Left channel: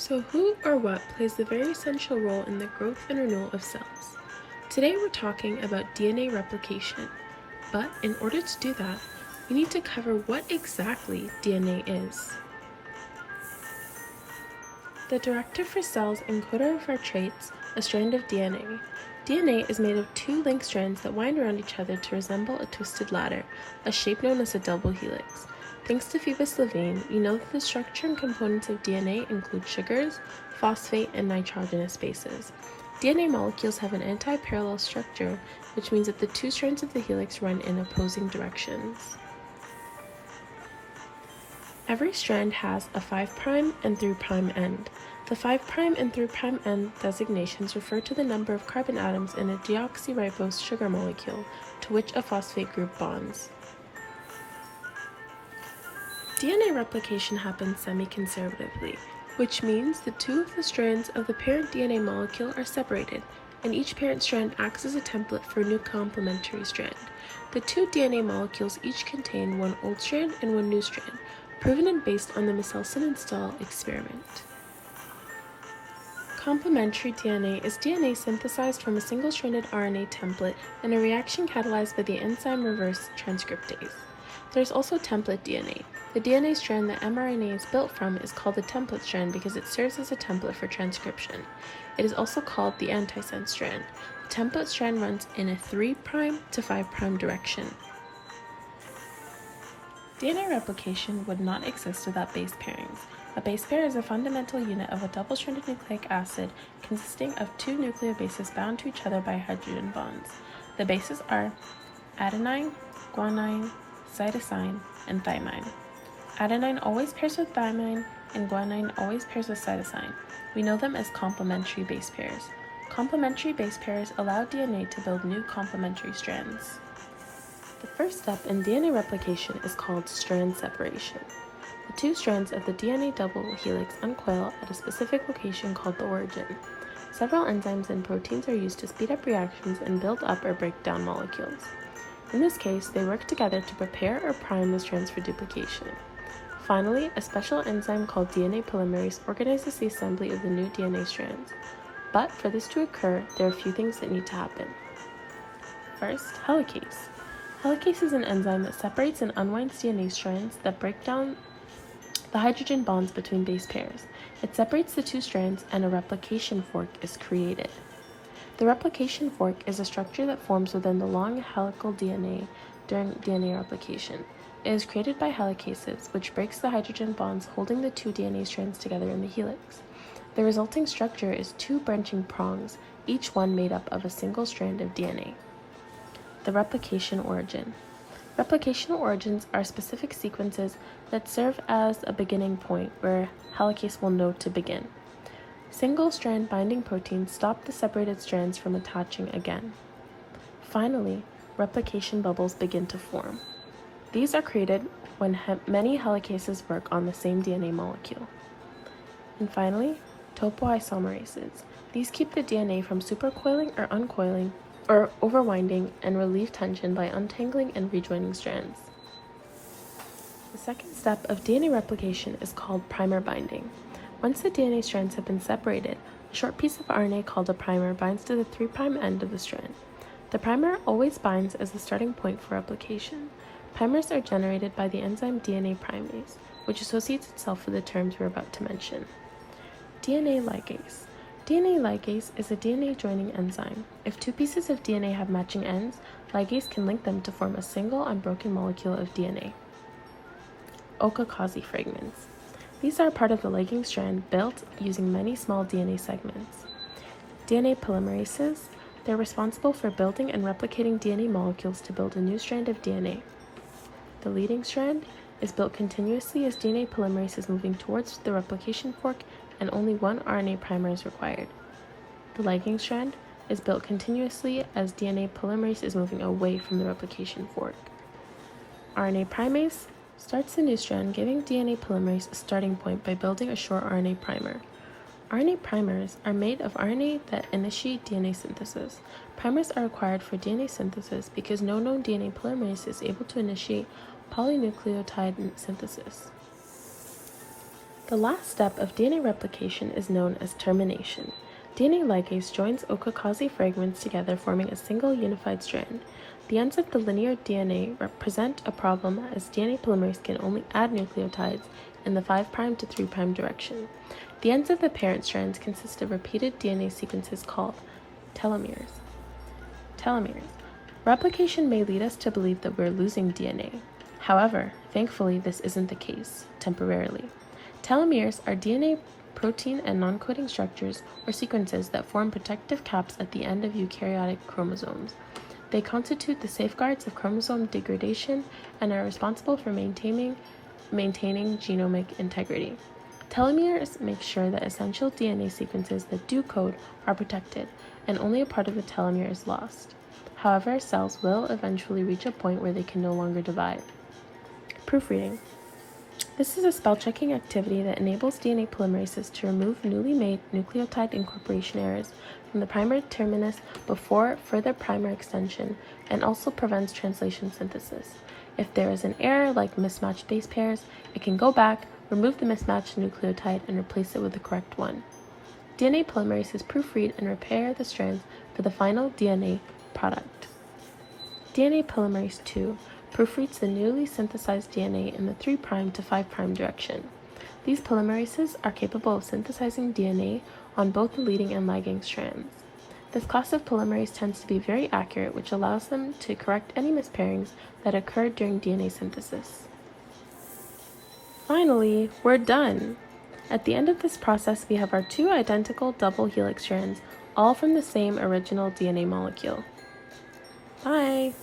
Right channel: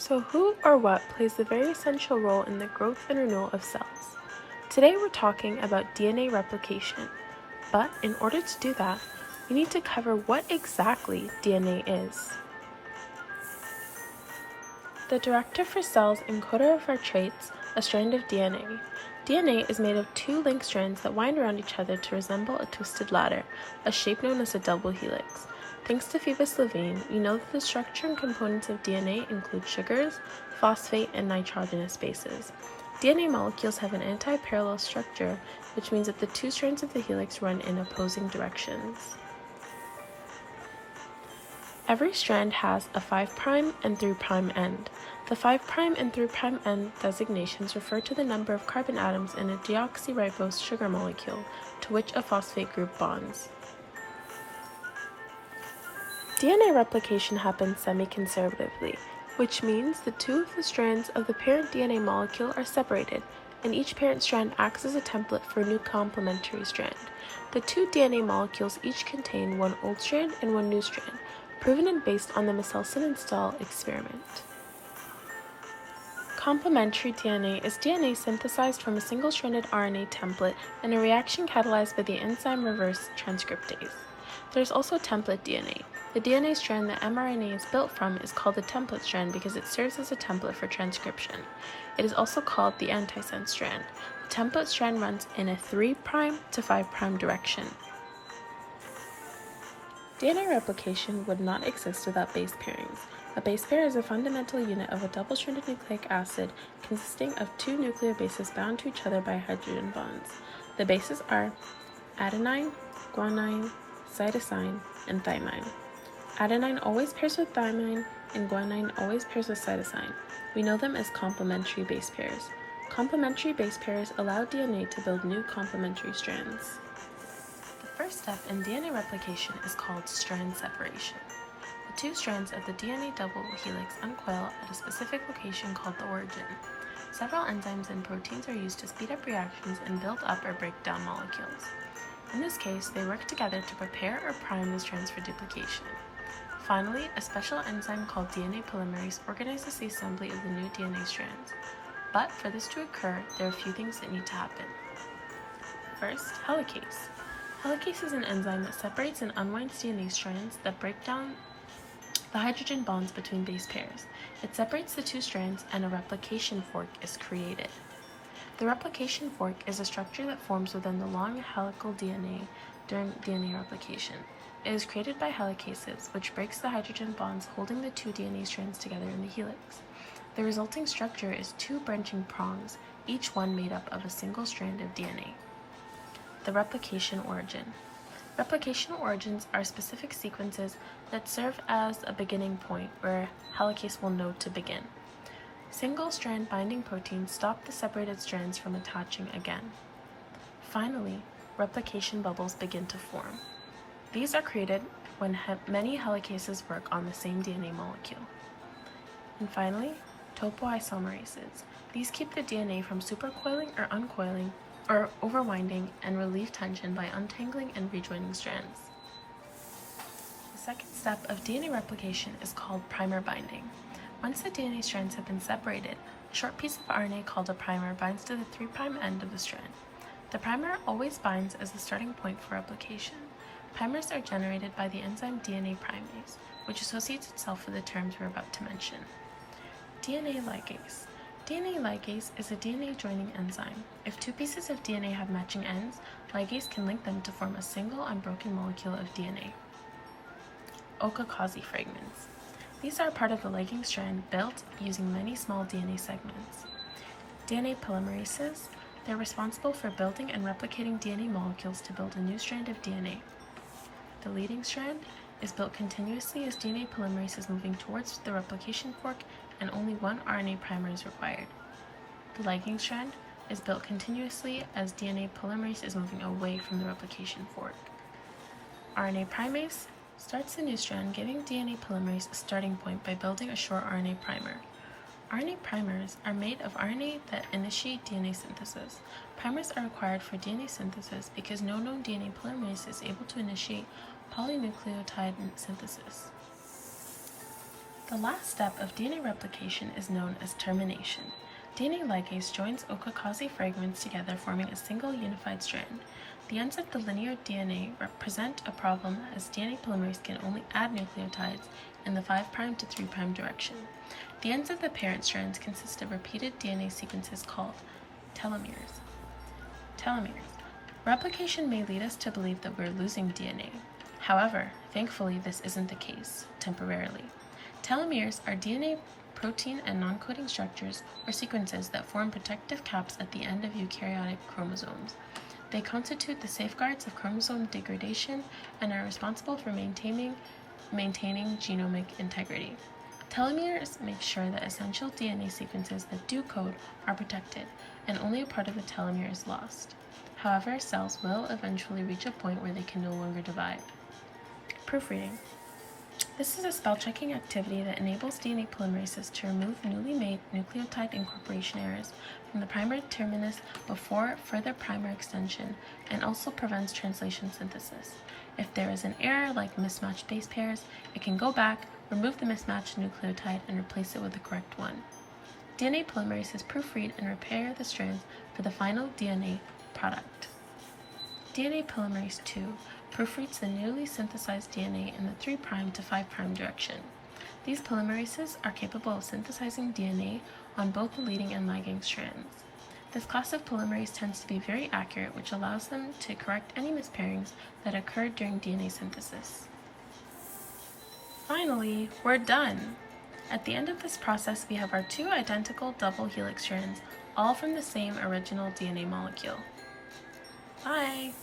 So who or what plays a very essential role in the growth and renewal of cells? Today we're talking about DNA replication, but in order to do that, we need to cover what exactly DNA is. The directive for cells encoder of our traits, a strand of DNA. DNA is made of two linked strands that wind around each other to resemble a twisted ladder, a shape known as a double helix. Thanks to Phoebus Levine, we know that the structure and components of DNA include sugars, phosphate, and nitrogenous bases. DNA molecules have an anti-parallel structure, which means that the two strands of the helix run in opposing directions. Every strand has a 5' and 3' end. The 5' and 3' end designations refer to the number of carbon atoms in a deoxyribose sugar molecule to which a phosphate group bonds. DNA replication happens semi-conservatively, which means the two of the strands of the parent DNA molecule are separated, and each parent strand acts as a template for a new complementary strand. The two DNA molecules each contain one old strand and one new strand, proven and based on the Michelson and Stahl experiment. Complementary DNA is DNA synthesized from a single-stranded RNA template in a reaction catalyzed by the enzyme reverse transcriptase. There's also template DNA. The DNA strand that mRNA is built from is called a template strand because it serves as a template for transcription. It is also called the antisense strand. The template strand runs in a 3' to 5' direction. DNA replication would not exist without base pairings. A base pair is a fundamental unit of a double-stranded nucleic acid consisting of two nucleobases bound to each other by hydrogen bonds. The bases are adenine, guanine, cytosine, and thymine. Adenine always pairs with thymine, and guanine always pairs with cytosine. We know them as complementary base pairs. Complementary base pairs allow DNA to build new complementary strands. The first step in DNA replication is called strand separation. The two strands of the DNA double helix uncoil at a specific location called the origin. Several enzymes and proteins are used to speed up reactions and build up or break down molecules. In this case, they work together to prepare or prime the strands for duplication. Finally, a special enzyme called DNA polymerase organizes the assembly of the new DNA strands. But for this to occur, there are a few things that need to happen. First, helicase. Helicase is an enzyme that separates and unwinds DNA strands that break down the hydrogen bonds between base pairs. It separates the two strands and a replication fork is created. The replication fork is a structure that forms within the long helical DNA during DNA replication. It is created by helicases, which breaks the hydrogen bonds holding the two DNA strands together in the helix. The resulting structure is two branching prongs, each one made up of a single strand of DNA. The replication origin. Replication origins are specific sequences that serve as a beginning point where helicase will know to begin. Single-strand binding proteins stop the separated strands from attaching again. Finally, replication bubbles begin to form. These are created when many helicases work on the same DNA molecule. And finally, topoisomerases. These keep the DNA from supercoiling or uncoiling or overwinding and relieve tension by untangling and rejoining strands. The second step of DNA replication is called primer binding. Once the DNA strands have been separated, a short piece of RNA called a primer binds to the 3' end of the strand. The primer always binds as the starting point for replication. Primers are generated by the enzyme DNA primase, which associates itself with the terms we're about to mention. DNA ligase. DNA ligase is a DNA joining enzyme. If two pieces of DNA have matching ends, ligase can link them to form a single unbroken molecule of DNA. Okakazi fragments. These are part of the linking strand built using many small DNA segments. DNA polymerases. They're responsible for building and replicating DNA molecules to build a new strand of DNA. The leading strand is built continuously as DNA polymerase is moving towards the replication fork and only one RNA primer is required. The lagging strand is built continuously as DNA polymerase is moving away from the replication fork. RNA primase starts the new strand, giving DNA polymerase a starting point by building a short RNA primer. RNA primers are made of RNA that initiate DNA synthesis. Primers are required for DNA synthesis because no known DNA polymerase is able to initiate polynucleotide synthesis. The last step of DNA replication is known as termination. DNA ligase joins okakazi fragments together, forming a single unified strand. The ends of the linear DNA represent a problem, as DNA polymerase can only add nucleotides in the 5' to 3' direction. The ends of the parent strands consist of repeated DNA sequences called telomeres. Replication may lead us to believe that we're losing DNA. However, thankfully, this isn't the case, temporarily. Telomeres are DNA protein and non-coding structures or sequences that form protective caps at the end of eukaryotic chromosomes. They constitute the safeguards of chromosome degradation and are responsible for maintaining genomic integrity. Telomeres make sure that essential DNA sequences that do code are protected, and only a part of the telomere is lost. However, cells will eventually reach a point where they can no longer divide. Proofreading. This is a spell-checking activity that enables DNA polymerases to remove newly made nucleotide incorporation errors from the primer terminus before further primer extension, and also prevents translation synthesis. If there is an error like mismatched base pairs, it can go back, remove the mismatched nucleotide, and replace it with the correct one. DNA polymerases proofread and repair the strands for the final DNA product. DNA polymerase II proofreads the newly synthesized DNA in the 3' to 5' direction. These polymerases are capable of synthesizing DNA on both the leading and lagging strands. This class of polymerase tends to be very accurate, which allows them to correct any mispairings that occurred during DNA synthesis. Finally, we're done! At the end of this process, we have our 2 identical double helix strands, all from the same original DNA molecule. Bye!